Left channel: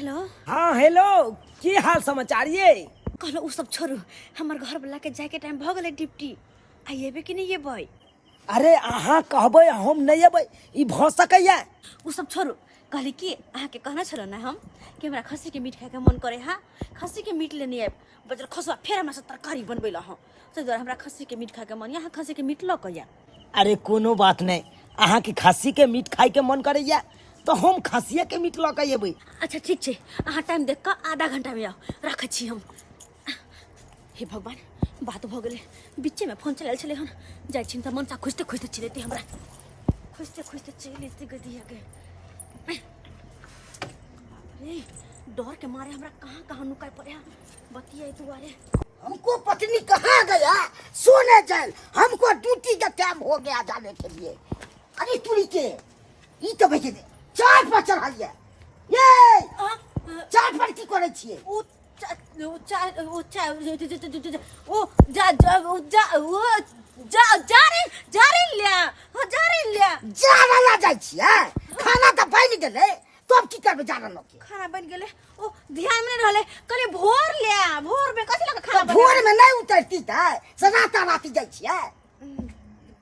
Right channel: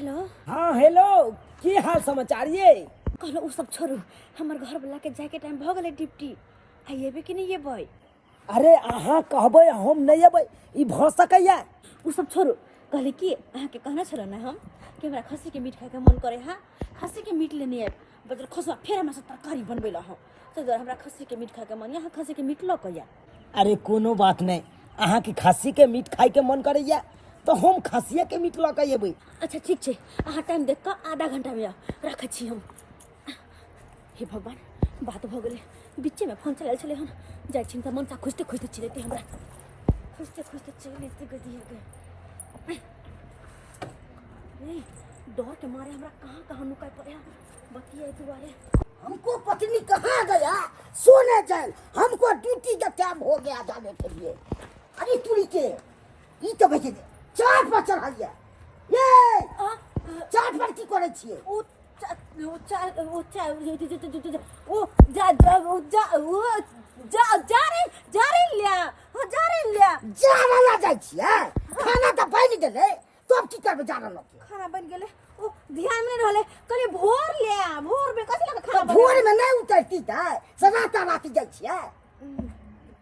Hello. हाँ hello, की हाल समाचार ये? कहलो उ सब छोड़ू, हमर घर वाला के जाए के टाइम भ गेलै ड्यूटी। आइबे कि नहीं एबै? अरे अहाँ कहबै हम नहीं अबै, ई भ सकैया? उ सब छोड़ू, कहली कि अहाँ के कहना छलो ना हम कि हमरा खस्सी के मीट खाए के मन करे। हाँ, खस्सी के मीट लेने आब बजर खसवा फेर हमरा से तरकारी बनबै ला। हम से द्वारा हमरा खस्सी के मीट खाए के मन। यहाँ खस्सी के मीट ल कया। अरे कोनो बात नहीं, अहाँ के खस्सी के मीट खाए के मन करैया तो हम खस्सिए के मीट ल के अबै। अच्छा ठीक छै, अहाँ टाइम देख के आधा घंटा में आओ, रखै छी हम। हे भगवान, बात भ गेलै, बीचे में फोन चलाल छलै हन। जाइ छी त मनसा खोजते खोजते चलेते हमरा, खोजते खोजते चलेते गदिया के। रे डर के मारे हमरा कहां कहां नुकाई पड़े है बतिया दुआरे। हमको पत्नी कहाँ गया सोने चल, हमको ड्यूटी का टाइम हो गया जाने के लिए। अरे तुरी के ई तो भेज दे, चार पर चढ़ाइए ये चार पर की करे छिए? ओ जाना जाइ छिए, खाना तो बन गेले, तो अब की करबे जाना न के? खाना बन गेले, ओ ध्यान में रहले, कहले भोर ले, भोर में कथि लगा खाना बन। भोर में नहीं उतरती है, सनाता राती जाइ छिए।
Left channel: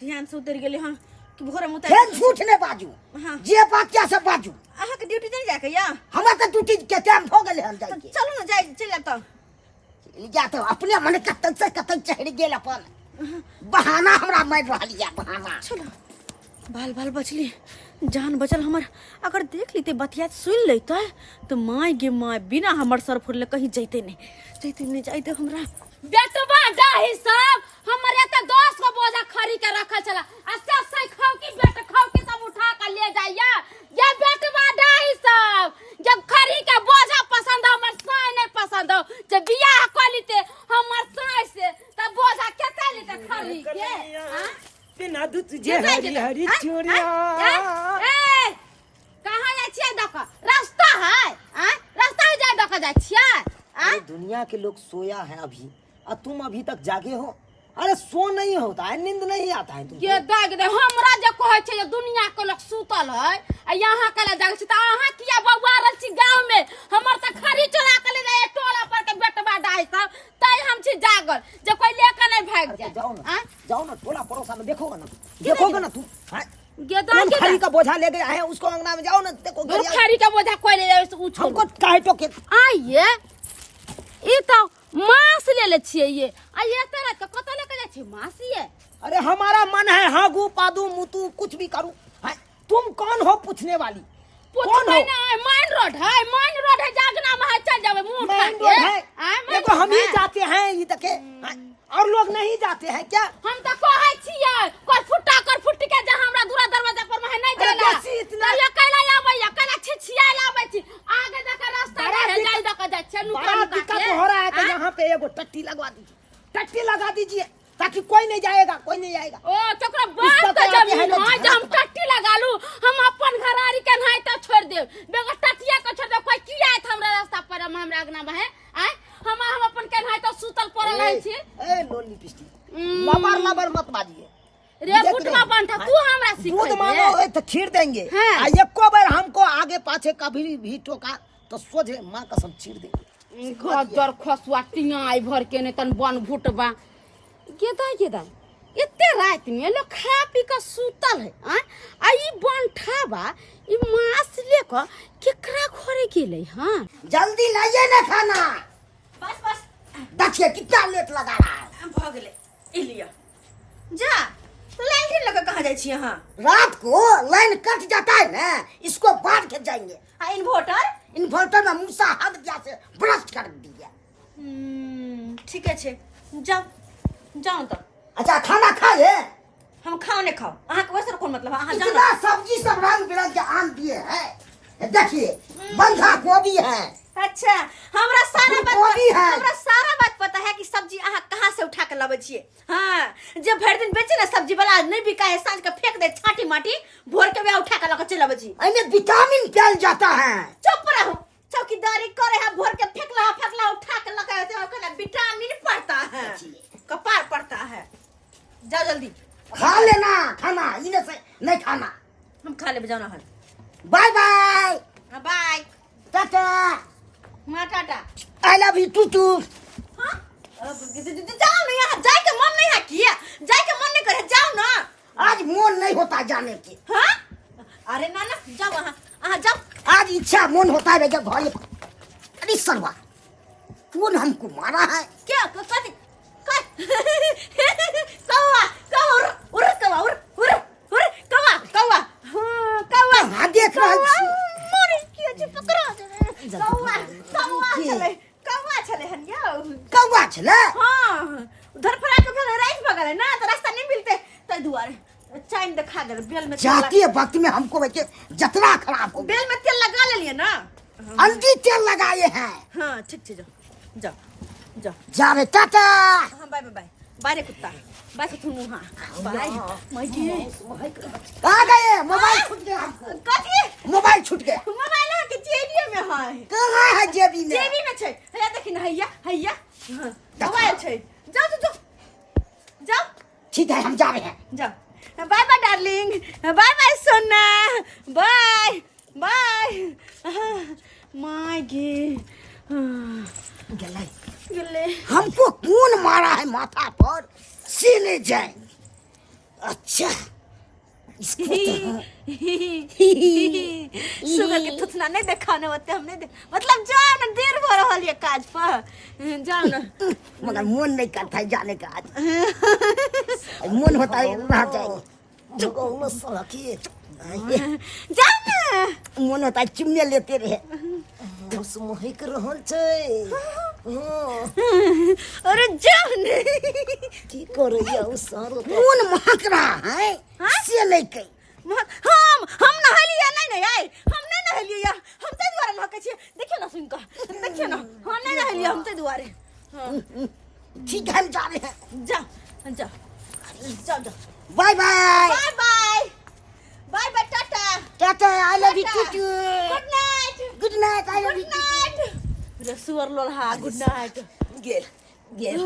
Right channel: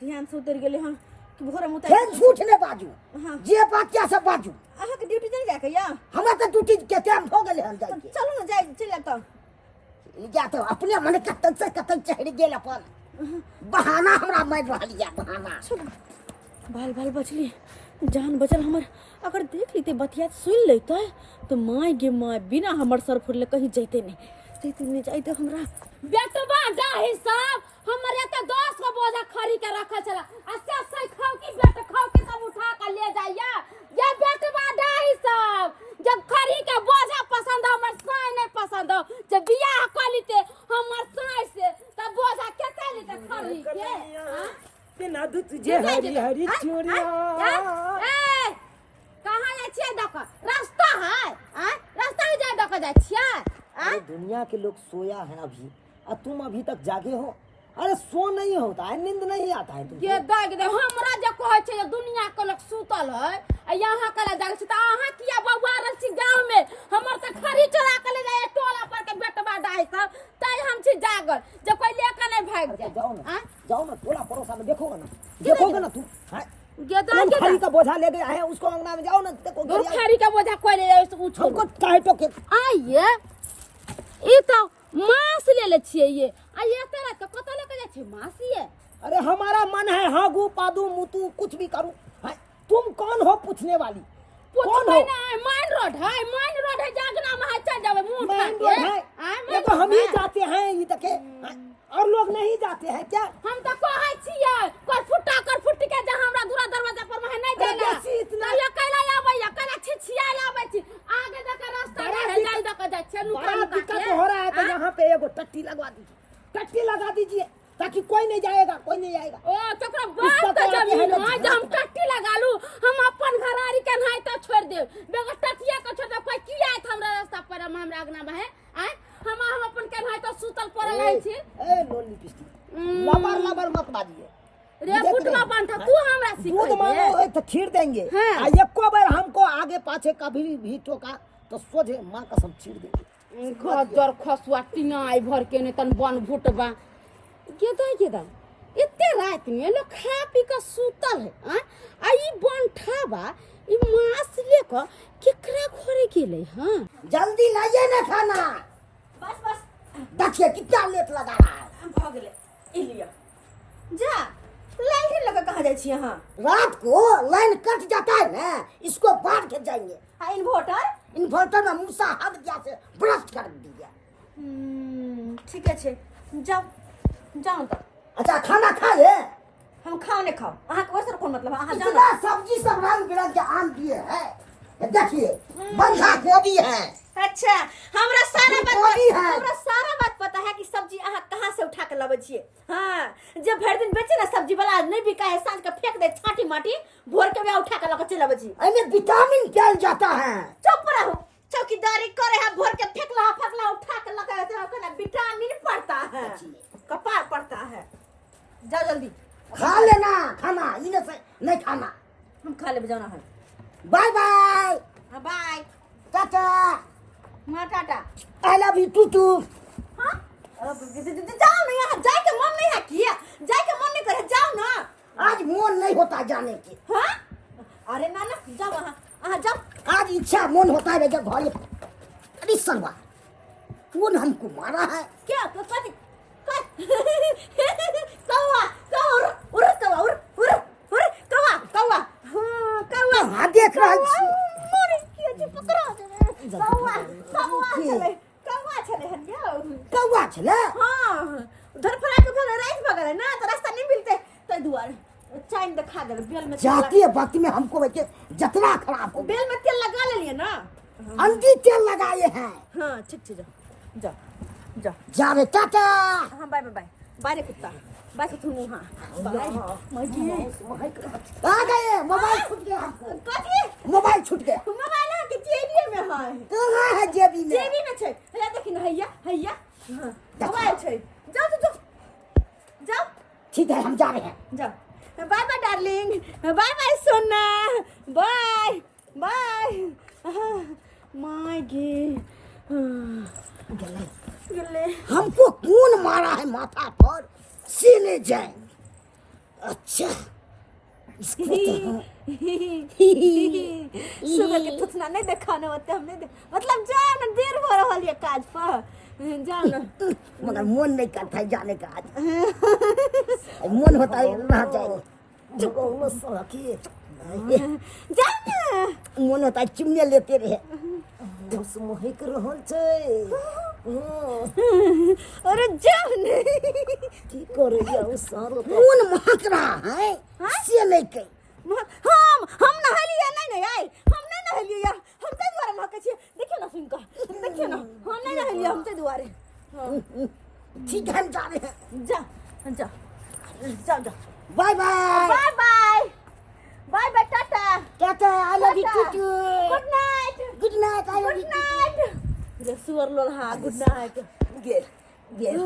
ध्यान से उतर गेले। हां कि भोर में उतर। फिर झूठ ने बाजू। हां, जे बात क्या सब बाजू। अहाँ के ड्यूटी नहीं जाके या? हमरा तो ड्यूटी के टाइम हो गेले, हम जाई के। चलो ना, जाए चल त। जा तो अपने मन कतन से कतन चढ़ गेल अपन बहाना हमरा मार रहलिया बहाना। चलो, बाल बाल बचली, जान बचल हमर। अगर देख लीते बतिया सुन लेते तो माय गे माय, बिना हमर सर फुरले कहीं जैते नहीं जाते हमरा। बेटवा डाही सब हमर एते 10 गो बोझा खरी के रखल छला, आ से खाओ की बेटा खाओ की सब उठा के ले जाइया। ये बेटवा डाही सब जब खरी के बोझा पसंद हो, हमर साई नहीं पसंद हो, जब बियाह कर लीते हमर साई से तब बोझा केते लीते खरी के। हां बिना दूध जे हरी हरी चूड़िया। ए कहां जाय छियै? दक रास्ता है, रास्ता जाय दक जाय छियै। अरे दुनिया के लोग सोया है अभी, और तुम अभी तक जागे हो। अरे सो नहीं होता है, नींद नहीं आता है तुमको। ये दाग दे हमरा जे कहै छै जे दुनिया के लोग सुतल है, आ यहाँ कला जाग छै त अहाँ किया बौआरल छी गांव में? हमर त खरी चला के ले जाय टोला पर के बेटवा डाई सब, तै हम छी जागल जे कोई लेके नहीं भाग जाए। जाओ ना टोला पड़ोसा में देखोगे ना, देखोगे ना तुम। ये कौन दाग खरी का बोझा ले गया है, उसको अंगना में जाओ ना, देखो दे खरी का बोझा कोई ले जाए उछ हमको काहे टोके। आइए ई तो मांस ले ले छिए ये, आ ये तरह के कत लेके जाय छी मांस ये? अरे हमारा मन है हागू पादू मुतू कुछ भी करूं। तुम कौन हो पूछने वाली? कौन हो? माइन रोड है जागना में है, चल जावे मुंह उठा मेन के। रोड है, देखो हम ही जाते हैं ये तके, और लोग नहीं जाते हैं क्या? हम तो कहै छियै कर फुट्टी के जे हमरा दूरा दरवाजा पर में नहीं जाला। इतना ये कैला आबैया, कैला छिछिया लाबै छी, आगे देख रास्ता है जाई दक जाय छै नुका बड़ा नुका दिक्कत के। हो रहा है, तो यहाँ पे एगो टट्टी लगवा दीजिए, टट्टी लगा दीजिए ताकि कोई नहीं जाएगा, कोई नहीं आएगा। ओ तकरा बात के जमीन है जे हम टट्टी लगा लू, हम अपन घरारी के नहीं तो छोड़ देब, बेगर टट्टिया के छोड़ देब। कोई किया है हमरा रास्ता पर हमरा अगना में है? हम अपन के नहीं तो सुतल पड़ल है छी। ए लोली पिस्टी लबर लबर मत बाजिए रे बुटवा बंठा तू हमरा दूध सिखा मांगो तो छीड़ देंगे, हाँ। आ एको बार हमको आगे पाछे कभी भी टोका तो सोझे माँ कसम छीड़ देंगे। घर खसुआ टिंगाई भर के ने तन बन भुटबा के दा एते रात में लोग खा पी के सुतल है। आ ई बंठाबा ई मांस लेकर केकरा घरे गेलै? हां जल्दी लाइए ना खाना। बस देखिए कितना लेट लगा रहा है। भ गेले, ई लिया जा। लाइन लगा कहां जाय छी अहाँ? रात को लाइन कट जाता है ना, इसको बांध के जाएंगे। आ इन्वर्टर? इन्वर्टर में मूसा हद गया से ब्रश कर दिया। ठीक है, जाओ जाओ तो। अच्छा खाना खाए? हम खाओ ने खाओ, अहाँ के वर्ष कौन मतलब? अहाँ जाओ इतना ना। सब्जी सब रंग बिरंग के आन दिए हैं, देखिए बंधा गोभी है। अच्छा, हमरा सारा गोभी है। हमरा सारा बात पता है कि सब्जी अहाँ कहाँ से उठा के लाबै छिए। हां, जब भर दिन बेचे ना सब्जी वाला नहीं बिका है, सांझ के फेंक दे छाटी माटी, भोर के वे उठा के लाके चल आबै छी। इनमें विटामिन पाया जाता है। चुप रहो, चौकीदारी करे है, भोर के फेंकला उठा के लगा दे, ओकरा विटामिन पड़ता है, कपार पड़ता है। जाओ जल्दी खा लेना खाना, इन्हें से नहीं खाना। हम खा ले, जाना है। Bye bye. बाय। टाटा हाँ टाटा। आई लव यू टूटू। हाँ जाओ ना, यहाँ जाए के मन नहीं है किया, जाए के मन नहीं करे, जाओ ना। आज मन नहीं होता जाने के। हाँ अरे ना ना जाओ वहाँ जाओ। आज इच्छा मन होता है जब घर। अरे सरवा तू ने हमको मारा है क्या कौवा कौवा उड़ कौवा उड़ कौवा कौवा हाँ कौवा। हाँ देख रहा छी। मोरे किया जी पकड़ा दे कौवा चले हनिया कौवा छले। हाँ उधर फरा के भगे राइट भगले ना तो रास्ता नहीं मिलते तो दुआरे चाइन दिखा दे बेल में जाती वक्त में हमको वैसे जतना खराब हो। बेल में तेल लगा ले लिए ना। अंधी तेल लगाए हैं। हाँ ठीक जाओ जाओ जाओ जा रे टाटा। हाँ बाय बाय बाय बाय रे कुत्ता बाय कुत्तू हाँ बाय मजी कहाँ गए? मोबाइल छूट गया हमको। कथी मोबाइल छूट गया। मोबाइल है कि जेबी में है? कहाँ है जेबी में? जेबी में छै हैया देखी ना हैया हैया हाँ मोबाइल छै। जाओ जाओ जाओ ठीक है हम जा रहे हैं। जाओ bye bye darling bye bye सोना बाय बाय माय गे गले हमको कौन मारा है माथा पर सीने जाए। अच्छा इसको तो सुगर के थुथना नहीं देखाने होते हमने मतलब जाओ ना देर हो रहा है काज पर जाओ ना। मगर मन नहीं करता है जाने का आज। मन होता है रह जाएंगे। जाओ ना मन होता है चिमने लेते रहे। बस महक रहल छै। अरे जाओ ना की करैया उ सारो कौन महक रहा है से नहीं कही। हम नहलिए नहीं आए हम नहीं नहलिए यार हम ते द्वारा महके छिए देखियो ना सुन का देखियो ना हम नहीं नहलिए हम ते द्वारे। ठीक है हम जा रहे हैं। जा जा जा जा bye bye bye bye bye bye tata tata I love you too. Good night good night I love good you. Night रे सुअर लोल्हा गुड नाइट। गेल गेल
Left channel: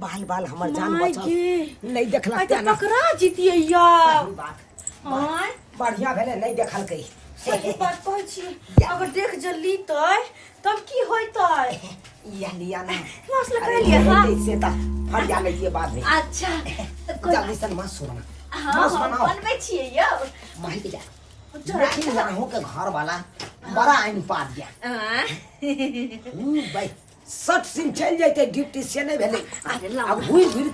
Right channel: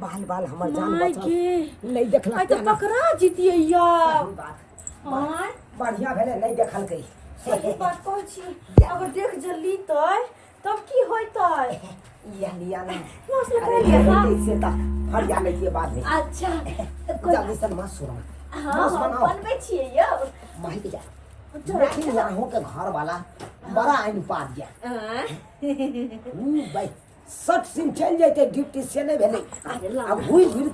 बाल बाल हमर जान माय बचल गे नहीं देखला आई तो पकड़ा जीतिए यार। सही बात हां बढ़िया भेले नहीं देखल कई। सही बात कहै छी अगर देख जल्दी तब की होइतै या लिया ना मौसला कर लिया हां से ता फड़ जा ले बाद में। अच्छा जल्दी से मत सोना हाँ हम बनबै छियै यौ माही के जा देखी राहों के घर वाला बड़ा आइन पार गया भाई 60 सिंह चल जाते ड्यूटी से नहीं भेले। अरे ला अब घुर घुर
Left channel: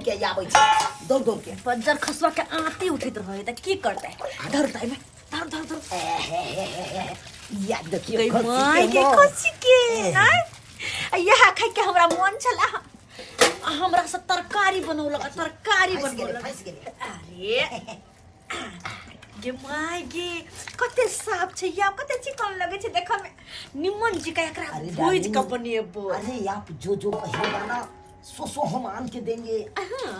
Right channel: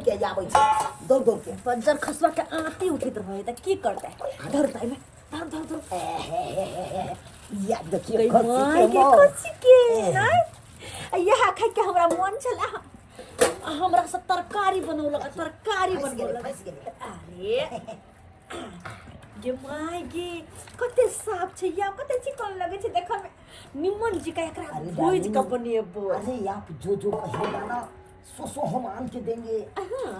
के आबै छै दौड़ के बज्जर खसवा के आती उठैत रहे त की करतै धरतै में धर या देखियो माय के खुशी के हैं यहाँ खाइ के हमरा मन छला हमरा से तरकारी बनौलक तरकारी बनौलक। अरे गे माय गे कते साफ छै या कते चिकन लगे छै देखै में निमन जी का एकरा भूज के बनेबो। अरे आप जो कहिएगा ना सो हम आन के देंगे।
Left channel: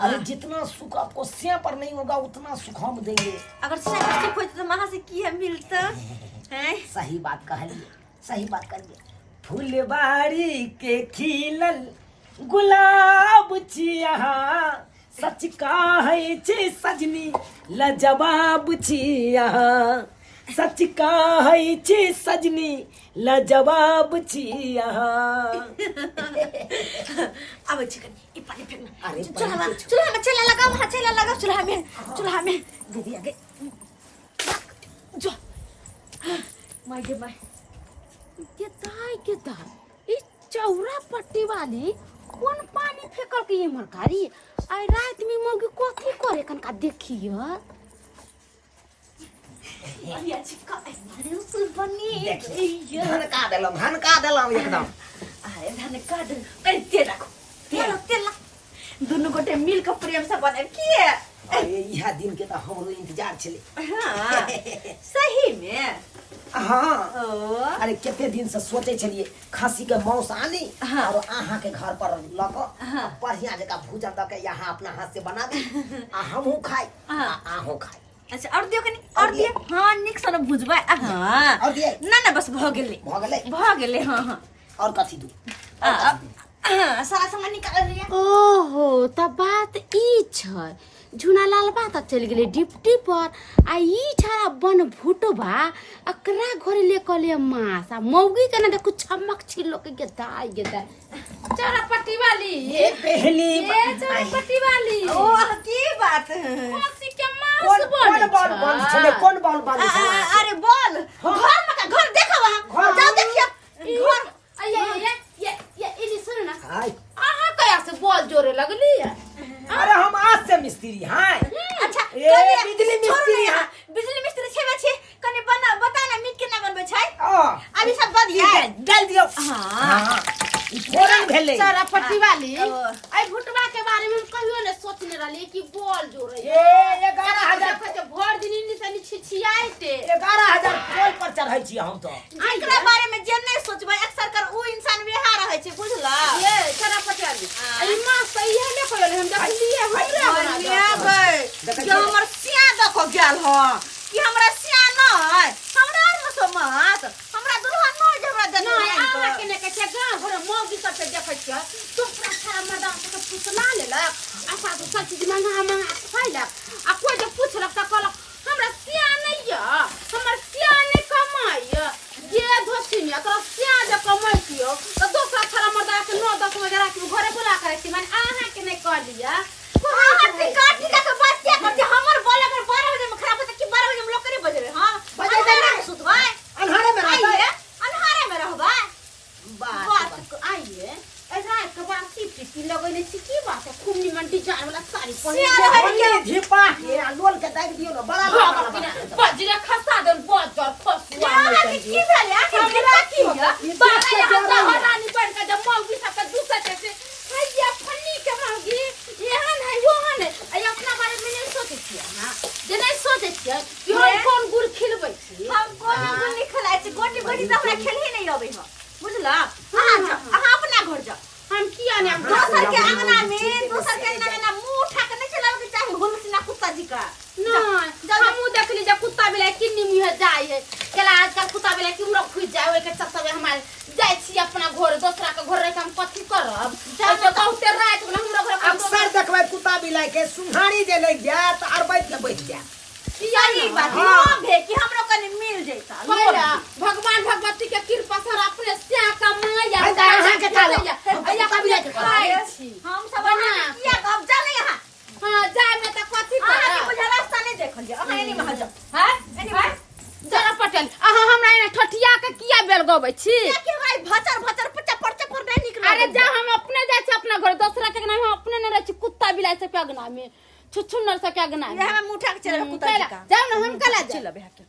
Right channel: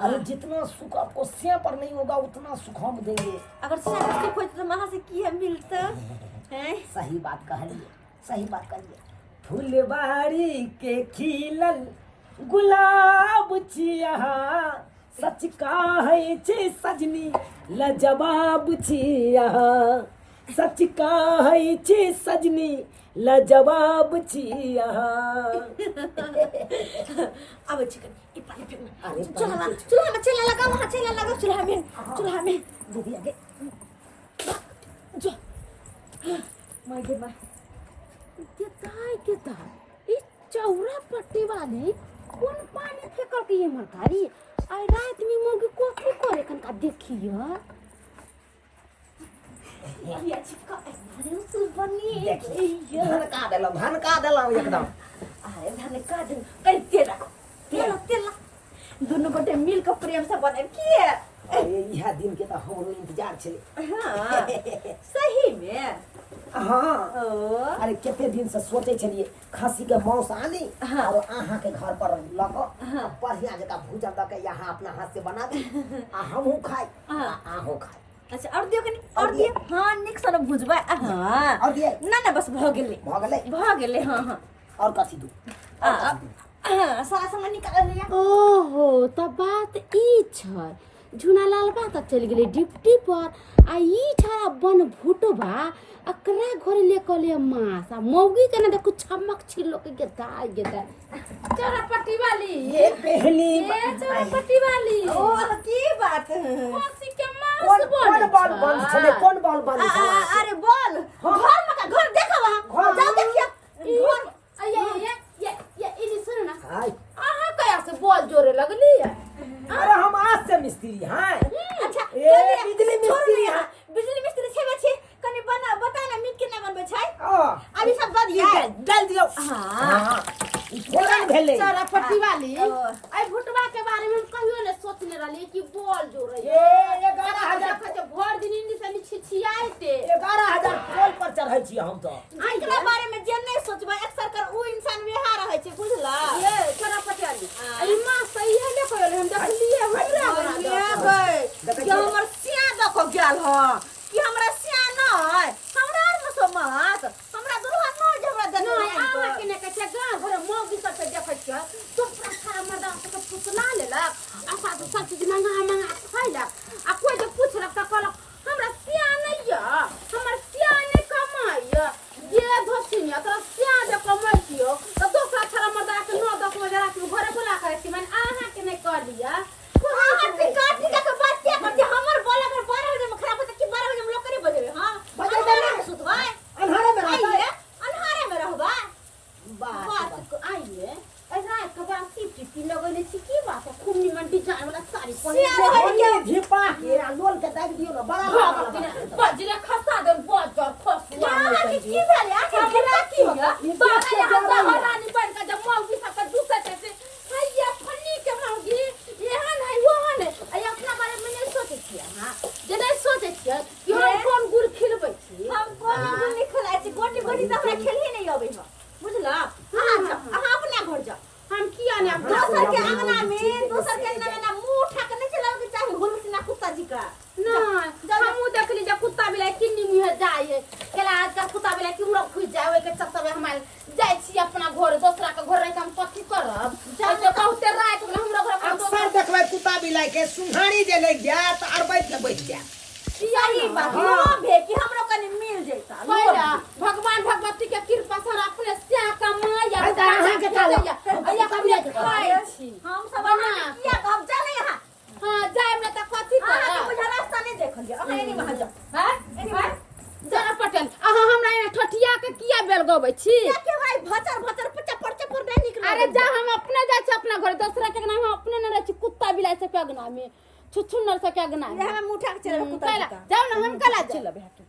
अरे जितना सुख आपको से पर नहीं होगा उतना सुख हम देंगे। अगर से सुख होय तो वहां से की है मिलता है। सही बात कहलिए फुलबाड़ी के खिलल गुलाब छिया सच कहै छै सजनी लजवाब छिया सच कहै छै सजनी लजवाब छिया। अब चिकन ई पानी फेंकना। अरे चूल्हा में चला लगा वहां चला लगा चूल्हा में दीदी आगे जो माय गे माय के दाई ई चौरा पट्टी वाली कौन पानी फेंकल के ये मरकारी आई रात में मुर्गी कथी करे कनका देखियो या चिका अरे उस बनी धन का देलम एकदम। अरे धन का दे कर तेल दोनों गोटे मिल के प्रेम से बने किए। अरे यह दिन के तो हमरो इंतजार छले। हाँ सही में हाँ अरे कितने दिन से सोचे छलिए खसी के मांस आनी और अहाँ के घर पर लको बढ़िया जगह भूजन द के यहाँ अपना हाथ से बना दी हमहू खाई आहू खाई। अच्छा और दियो कनी और दियो हाँ निक सन भुजबा हाँ और दिए ना बस भ गेले हाँ और कथी दू सारा सामान निकाल लिया। ओहो त बात ई छै झुना लाल बा तक चल गेले डिप्टी पर आ ई छारा बन भूटो बा अकरा घरे ले कले मास आ मौगी के ना देखो छमक छिलो के गेदा चरपट्टी वाली ये पहली ये चरपट्टी वाली ओ की बात खसी के मास कौन बन बॉल बंद छले कौन बॉल बंद छले अरे बोल घर में का घर देखा वहां जाओ देखिए घर ये इनी सुन ना हाय आहा कया से बॉल जोरे लगली है अरे हम आज से मिस्त्री हैं अच्छा ए बिजली मिस्त्री हैं बिजली मिस्त्री छेबे छे कने बना बता ना मीट केना बनबै छै ओ अभी सब बद गया डाल दियो हां ई फोरन भेले चरपट्टी वाली आई भुटवा के बारे में हम कहियो ने सोचने रहली कि बॉल जोरे ए 11000 देखो भर दिन इनी से छिछियाइते 11000 पोल पर चढ़ै छी हम तो एकरा बारे में जे नहीं सोचबै अक्सर कर उ इंसान वेहा रहै छै बुझला ये चरपट्टी वाली आई मां सही है ने कहले हम देखलिए हमरा भाई कि हमर सिया द को गेल ह कि हमरा सिया नै हमरा में सो मत हमरा दुल्हा नै जे हमरा देने नहीं आवा के ने के गांव घर मौगी सब पे देखै छ तो सारा मर्दा के पुछना लेलक आसा तो सब चीज मंगा खैलक आ कोई जे पूछलक त कहलक हमरा सिया नहीं य हमर सिया नहीं कमाई ये धोसिनी एकरा सिया जे कमाई छियो त दूसरा सारा मर्दा के 9-10 बजे रात में घरे बुला करे छी माने आहा के नहीं कह लिया काटी का बात क्या करते हमर बोले अगर 12 बजे में खराब होता कि 12 बजे में लोग करे बजे हां बजे देना सुतबै अंधारे में रहबै अन्हारे में रहबै बात को आइए ऐसा एक बार सिटी लगैले छी की बात है खूब निमन डिजाइन वाला साड़ी पहन ये झिपा के लोल के दाग दियो ना बड़ा बड़ा बजरे खसा दन बजर खसुआ की भेले आके गिरा की हो बाबा रानी बन का जब मौगी सब के दूसरे से भैया फन्नी के मौगी एहन है योहन है आई अपना बारे में नहीं सोचे छी हां जे नहीं सोचे छी कि हम कोन गुड़ खिलबै छी हम कोन गुड़ नहीं खिलाए छी गोटी गोटी त हमरा खेल ही नहीं आबै ह बुझला हां अपना घर जा हम किया ने दोसर के अंगना में दोसर के अंगना में ना मुंह उठा के नहीं चलावे के चाहे घुमसिना कुत्ता जी का नहीं हमू देखली जे कुत्ता बिलाई किन्नी मुहे जाय है केला आजकल कुत्ता बिलाई किमरो खुज जाय ओए के चक्कर में हमार जाय छी अपना घर दोसरा के घर रह के हम कथि करब तो बहुते रात में हमरा घर अक्सर देखबै कुत्ता बिलाई के सुहारी जे लग जात और बैठ के बैठ जात सही बात नो भे कि हमरो कने मिल जैता पहिला भगवान भगवती के कृपा से अपने से कमाया अहाँ के ताला अया कभी खाई छी हम सब ना किया अब जाने यहां हां जाय में त कथि अहाँ के करब बुझा रास्ता नहीं देखल जे अहाँ एनी में जा हैं हैं जरा पटेल अहाँ हमरा एने ठठिया के किया बेल गबै छी के भाई भचर भचर पचा पर नहीं निकल अरे जा हम अपने जाय छी अपना घर दूसरा के नाम हम अपने ने रह छी कुत्ता बिलाई से पगना में छुछुनर से पगना में ये हम उठा के चले कुत्ता जी का जाओ ना हम कला चल बे के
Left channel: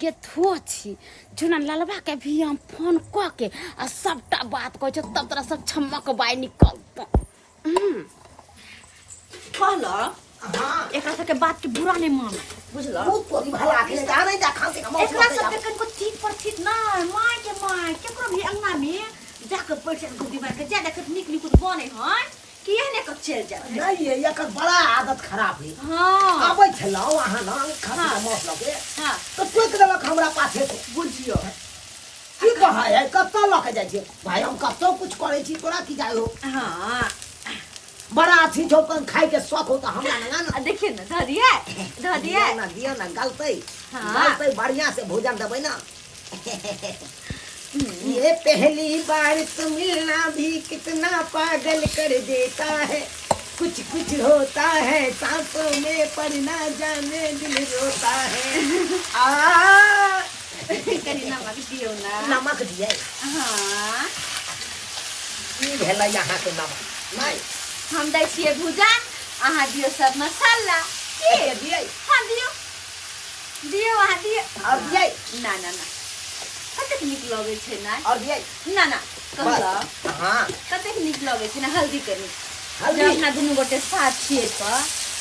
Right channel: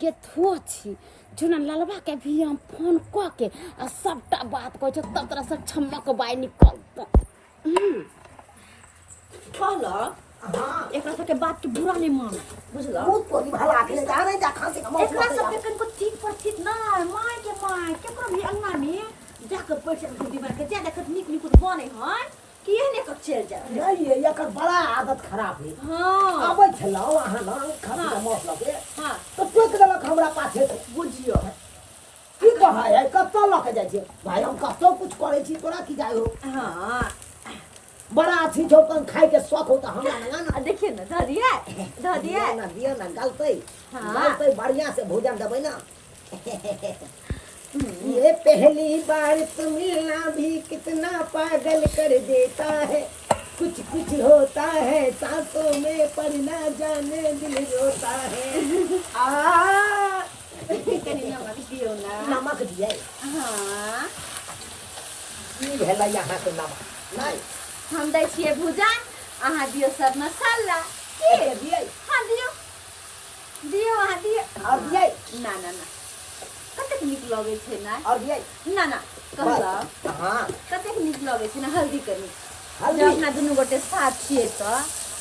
गेथो छी जुना ललबा के भी हम फोन क के आ सबटा बात कहै छ तब तोरा सब छमक बाय निकलत कहला हां एकरा सब के बात के बुरा नहीं मान बुझला बहुत तोरी भला के जा नहीं जा खांसी का एकरा सब के कनको ठीक पर ठीक ना माय केकरो भी अंगना में जाके पैसा को दीवार के जा देखत निक निक बने हन कि एहने क चल जा नहीं ये एकर बड़ा आदत खराब है हां आबै छलाओ अहाँ ना खांसी का मौत लगे हां तो टोक देलक हमरा पाछे से बुझियो की कहा है कत्तो लक जाय छै भाई हम कत्तो कुछ करे छी तोरा की जाय हो हां बड़ा अथी चौकन खाए के शौक हो तो हमरा ना ना देखिए ना ध दिया दियो ना गलतै हाँ। गलतै बढ़िया से भोजन देबै ना ये पहली बार तो मिलना भी कितना पागल कर देता है कुछ कुछ होता है सांसों में पर ना जाने दिल रोता है आ कनी नमक दियो ना नमक दिए हां की भेला यहाँ के नमक नहीं हम दै छियै भुजा अहाँ दियो सब मसाला के दिए हां दियो अहाँ दियो और दिए ना कतेक नीक लगे छै ना और दिए ना कहला हाँ कतेक नीक लगे छै ना हल्दी कनी हल्दी? जब अपना दुनू गोटे साथ छियै तो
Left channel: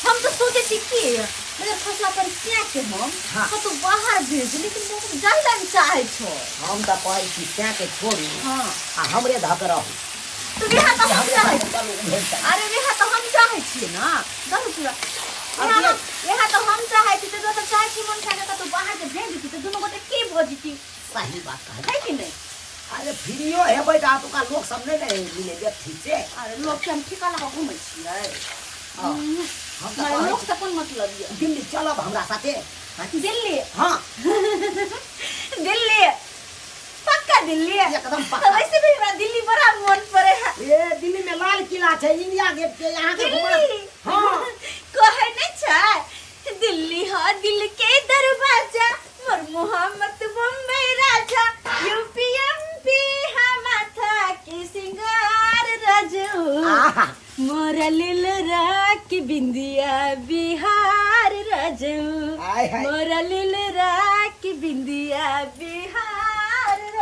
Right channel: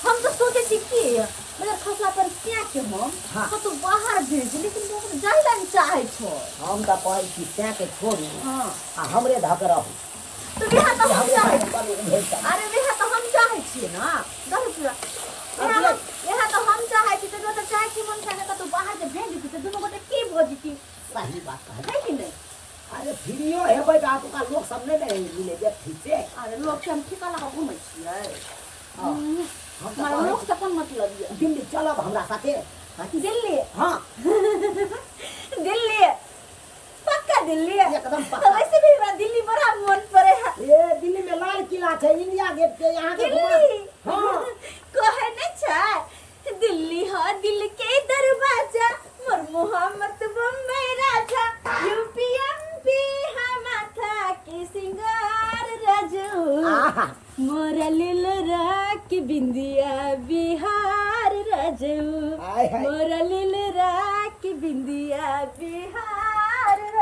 हम तो सोचे छी कि अगर खसला पर क्या के हम हाँ। तो बाहर भेज लेकिन लोग जाइला नहीं चाहे छो हम तो कहै छी त्या के छोड़ी हां आ हमरे धक रहू तो बिहा तो हम हमरे चाहे धक करू भेज दे। अरे बिहा तो हम चाहे छियै ना दस पूरा यहाँ तो हम चाहे छी तो तो चाहे छी मन खाने का तो बाहर के भेज दी तो दोनों गोटे के भोजती सही बात है है कि नहीं अरे फ्रीयो है बेटा तो का लोग सब नहीं मिले जब ठीक से अरे लोग के हम ठिकाना का घूमै छियै हम मारे तो लोग से कौन मतलब ये दिल्ली चलब हमरा साथे। दिल्ली हाँ दिल्ली पक्का दिल्ली एकदम पक्का। वैसे भी हमरा दिल्ली बड़ा मन पड़े है ये दिल्ली में लाल किला है, इंडिया गेट के यहाँ के घुमा। दिल्ली हाँ कहे नहीं छै दिल्ली हो दिल के दरवाजा मोर मोहम्मद बम्बई राजा यूपी एमपी माथा के सिंगार राजू आहा। मोरा लील राख बिंदिया बिहार राजू हाय हाय। मोरा लील राख बिंदिया बिहार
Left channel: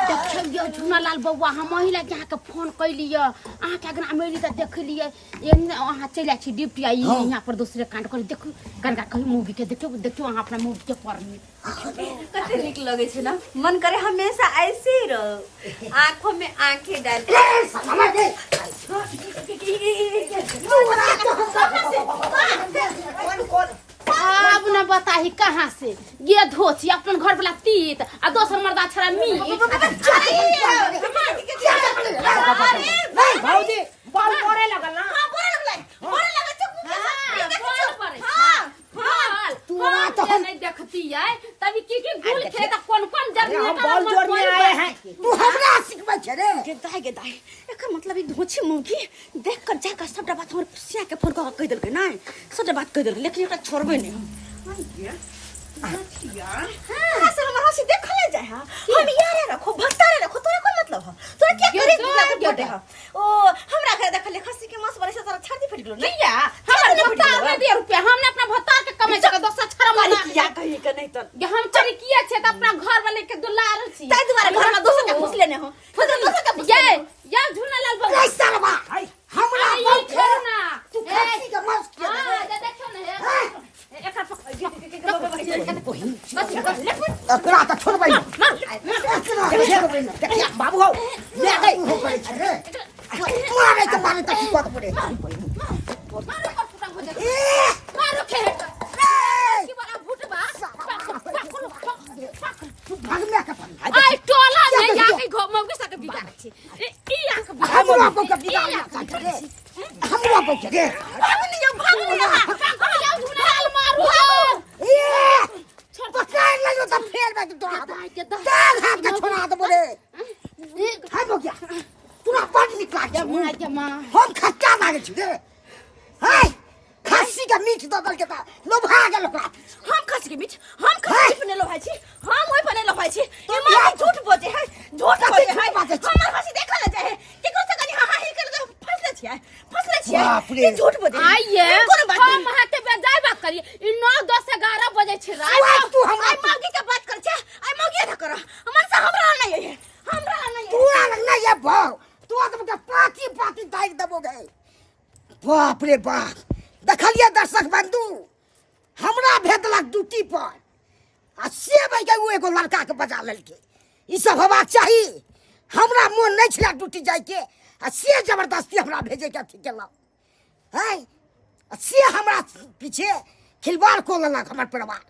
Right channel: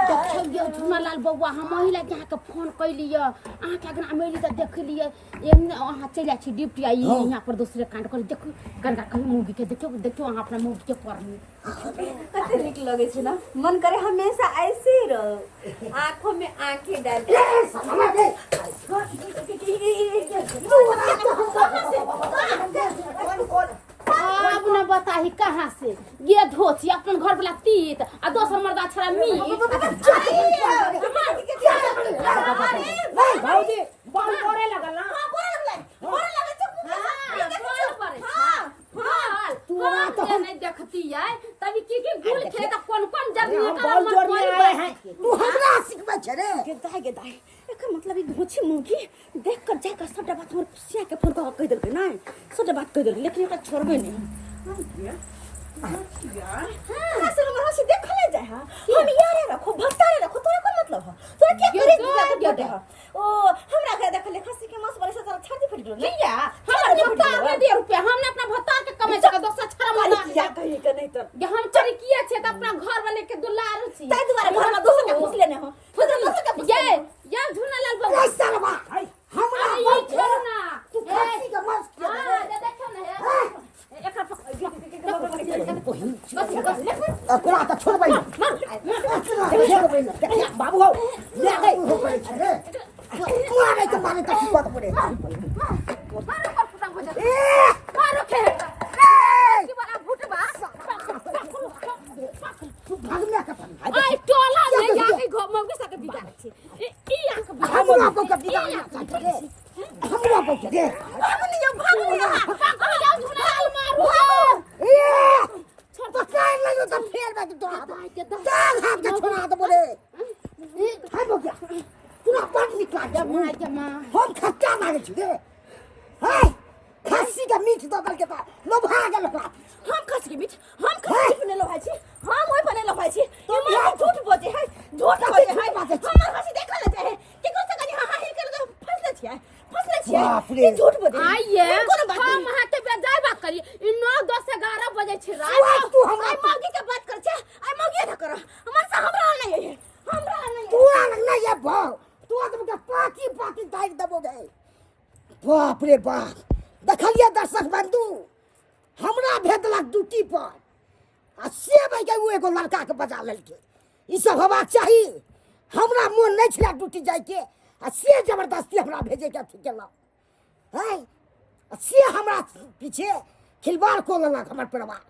देखियो यो झुनालाल बौआ हम महिला के के फोन कैली अहाँ के अगना मेली त देखलिए एने अहाँ चला छी ड्यूटी आई यहाँ पर दूसरे कांड कर देखो कनका कहीं मूवी के देखियो देखियो अहाँ अपना मूवी के पर में कते नीक लगे छै ना मन करे हमेशा ऐसे ही रहो आंखों में आंखें डाल अब न बताही कहाँ से ये धोची अपन घर वाला तीत आ दोसर मर्दा छरा मीट भाऊजी बॉल करे लगल ना। नहीं देखती है तभी की गुल खेत कौन कौन अरे जरूरी हम बॉल जोड़ में आए हैं। तू हमरा सिखबै छै रे। गे दाई एकर मतलब ई धोछी मुंगी देख कर जाकर सबटा बात हमर पुसिया के फोन कह कह देलकै नै सबटा बात कह देलकै लेकिन एकरा छोड़बै नै हम असल हमर हंसी देखले जाय हां हम यारे रखो भत्तारे रखो तोरा कोन मतलब है तोरा क्या करे दिया बोटे है ओ हमरा के देखले खस्सी के मांस बड़े से तोरा छाती फट गेलो नै या हमर भत्ता में दे रुपया हमने अपना भत्ता के कमाई जगह दोसर छरा माना क्या कहिए के नहीं तो ये हम चोरी किए छे त अपना घर वाले के दुलार छी ताई दुआरे घर में दोसर के घुस लेने हो फिर दोसर के ये झुनालाल बाबू कैसा बा हमरा अरे ये छोड़ ना तू खांसी के मांस किया हां ये देखो ना एकर तोरा त छोड़बै छोड़बै न देखिया बाबू हो ले गई हो करे छै रे मारे त मारे त की बात पड़े मारो के की बड़ा भूतबा भाग में का आई टोला में जाके मौगी सके बिगाड़ छी ई आके हमरा को कभी डाल ना रे हमरा को रे भाग लियो भाग जाओ झुनालाल मारू पकड़ ले तो फेर में तोरा दाल हाथ के छोड़ा दे बोले हाय हो गया तोरा बड़ निकला गया मां हम खट्टा लागे छी रे हाय खस्सी का मीठ दबल के ता लोभा गेल ओकरा हम खस्सी के मीठ हम खस्सी पे लो भाई छी हम ओइ पे लो भाई छी ये मां झूठ बोले है झूठ बोले है हमर हंसी देखा ले जाए केकरो से कनी हां ही कर दो फसले छिए झूठ बोले आइए हम हाथे पे जाय बात करी ई 9 10 11 बजे छै रात तू हमरा मौगी के बात कर छे आई मौगी न करो हमर से हमरा नहीं है हमरा नहीं तू अलग ना ये भाव तू आदम के पाती दाग दबोगे बाप रे बाप देखलिए दर्शक बंधु हमरा भेदलक ड्यूटी पर आ से भाई वो एगो लड़का के बजा लेलके ई सब होबाक चाही हमरा मोन नहीं छला ड्यूटी जाय के आ से जबरदस्ती हमरा भेजे के अथी केला है से हमरा पीछे खिलवाड़ को लेलक हमर परिवार